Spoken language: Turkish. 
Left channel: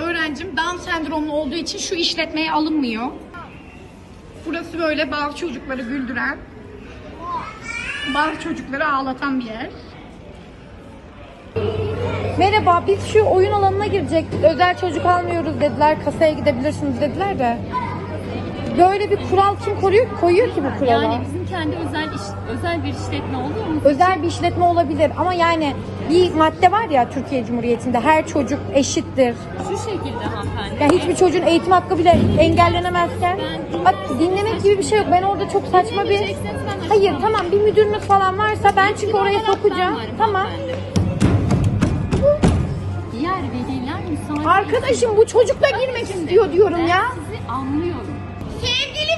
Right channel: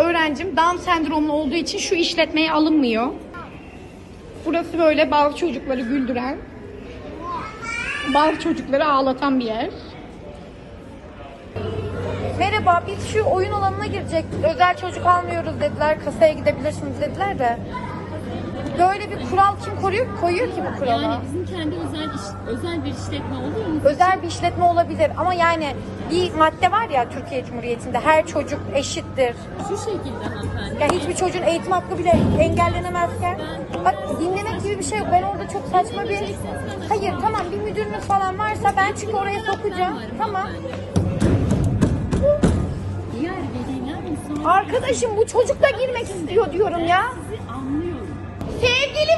öğrencim Down sendromlu olduğu için şu işletmeye alınmıyor. Burası böyle bazı çocukları güldüren, bazı çocukları ağlatan bir yer. Merhaba, biz şu oyun alanına girecektik. Özel çocuk almıyoruz dediler, kasaya gidebilirsiniz dediler de. Böyle bir kural kim koyuyor ki bu kuralı? Yani bizim kendi özel bir işletme oluyor mu? Özel bir işletme olabilir ama yani bir madde var ya Türkiye Cumhuriyeti'nde, her çocuk eşittir. Şu şekilde hanımefendi. Ya hiçbir çocuğun eğitim hakkı bile engellenemezken bak dinlemek gibi bir şey yok. Ben orada çok saçma bir... Hayır tamam, bir müdürünüz falan varsa ben çünkü oraya sokacağım. Tamam. Diğer veliler müsaade. Arkadaşım bu çocuk da girmek istiyor diyorum ya. Ben sizi anlıyorum. Sevgili